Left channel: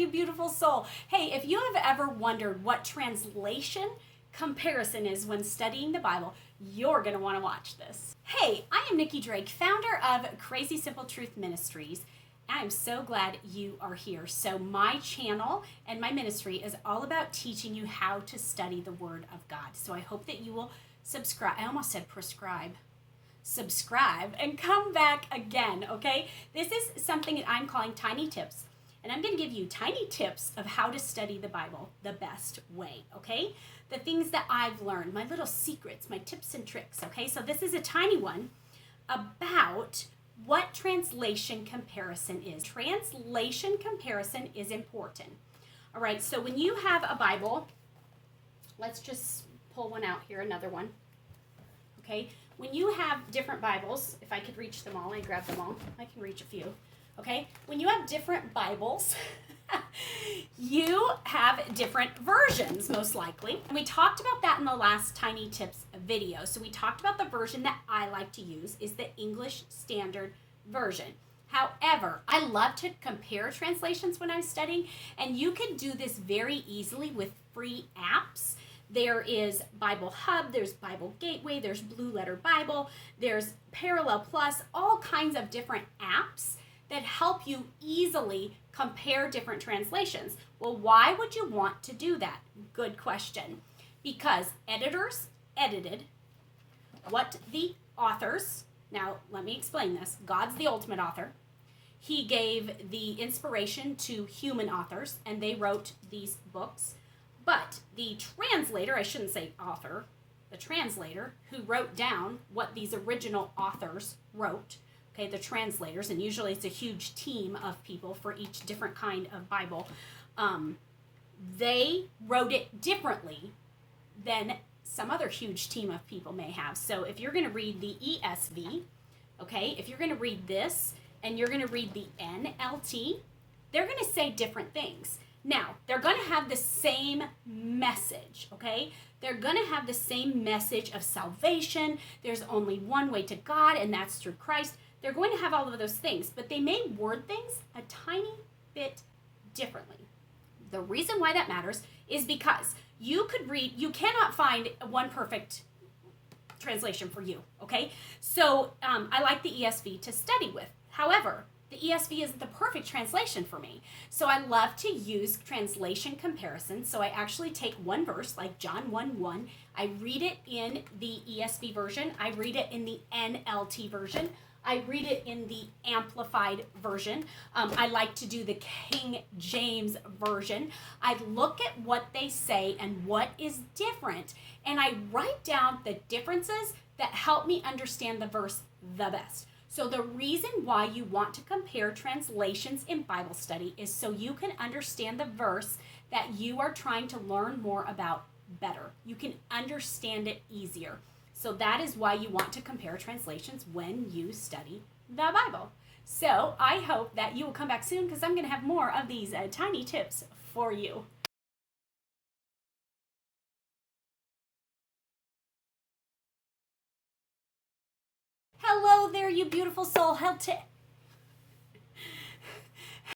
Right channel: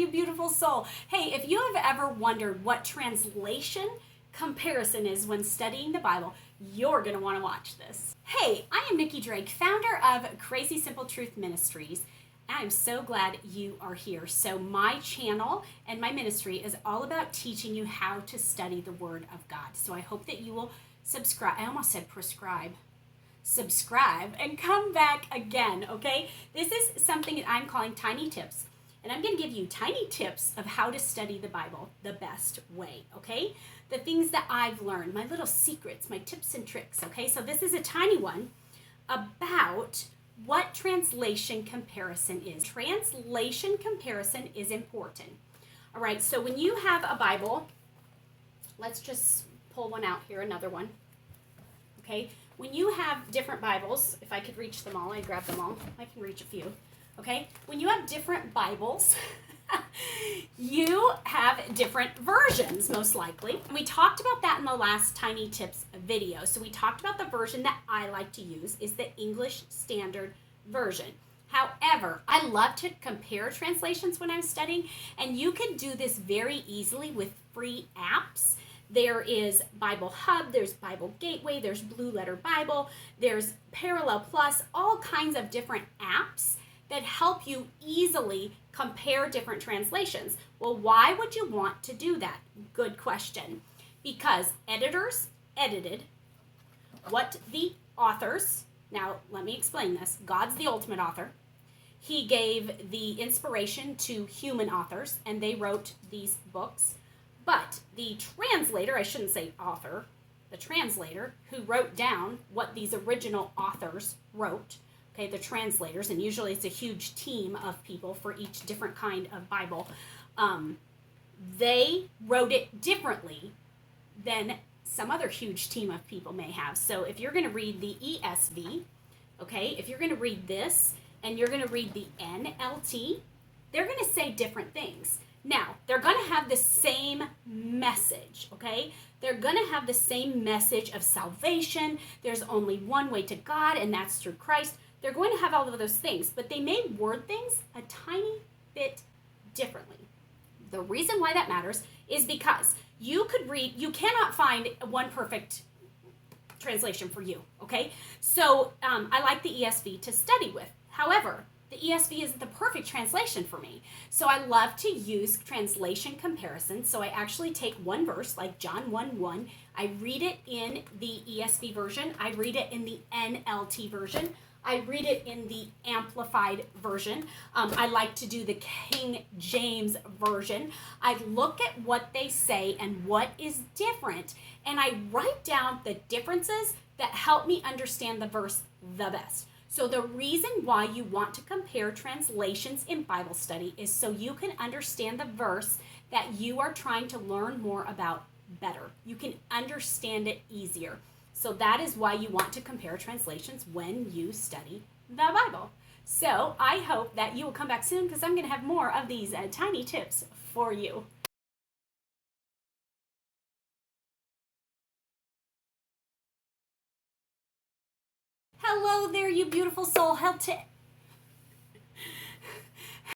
you beautiful soul. Hey, if you have ever wondered what translation comparison is when studying the Bible, you're going to want to watch this. Hey, I am Nicki Drake, founder of Crazy Simple Truth Ministries. I am so glad you are here. So my channel and my ministry is all about teaching you how to study the Word of God. So I hope that you will subscribe. I almost said prescribe. Subscribe and come back again, okay? This is something that I'm calling tiny tips. And I'm going to give you tiny tips of how to study the Bible the best way, okay? The things that I've learned, my little secrets, my tips and tricks, okay? So this is a tiny one about what translation comparison is. Translation comparison is important. All right, so when you have a Bible, let's just pull one out here, another one, okay? When you have different Bibles, if I could reach them all, I grab them all. I can reach a few, okay? When you have different Bibles, you have different versions, most likely. We talked about that in the last Tiny Tips video. So we talked about the version that I like to use is the English Standard Version. However, I love to compare translations when I'm studying, and you can do this very easily with free apps. There is Bible Hub, there's Bible Gateway, there's Blue Letter Bible, there's Parallel Plus, all kinds of different apps that help you easily compare different translations. Well, why would you want to do that? Good question. Because editors edited what the authors, now let me explain this, God's the ultimate author. He gave the inspiration to human authors, and they wrote these books. But the translator, I shouldn't say author, the translator who wrote down what these original authors wrote, okay, the translators, and usually it's a huge team of people for each different kind of Bible, they wrote it differently than some other huge team of people may have. So if you're going to read the ESV, okay, if you're going to read this and you're going to read the NLT, they're going to say different things. Now, they're going to have the same message, okay? They're going to have the same message of salvation. There's only one way to God, and that's through Christ. They're going to have all of those things, but they may word things a tiny bit differently. The reason why that matters is because you cannot find one perfect translation for you, okay? So I like the ESV to study with. However, the ESV isn't the perfect translation for me. So I love to use translation comparison. So I actually take one verse, like John 1:1. I read it in the ESV version. I read it in the NLT version. I read it in the Amplified version. I like to do the King James version. I look at what they say and what is different, and I write down the differences that help me understand the verse the best. So the reason why you want to compare translations in Bible study is so you can understand the verse that you are trying to learn more about better. You can understand it easier. So that is why you want to compare translations when you study the Bible. So I hope that you will come back soon because I'm going to have more of these tiny tips for you. Hello there, you beautiful soul.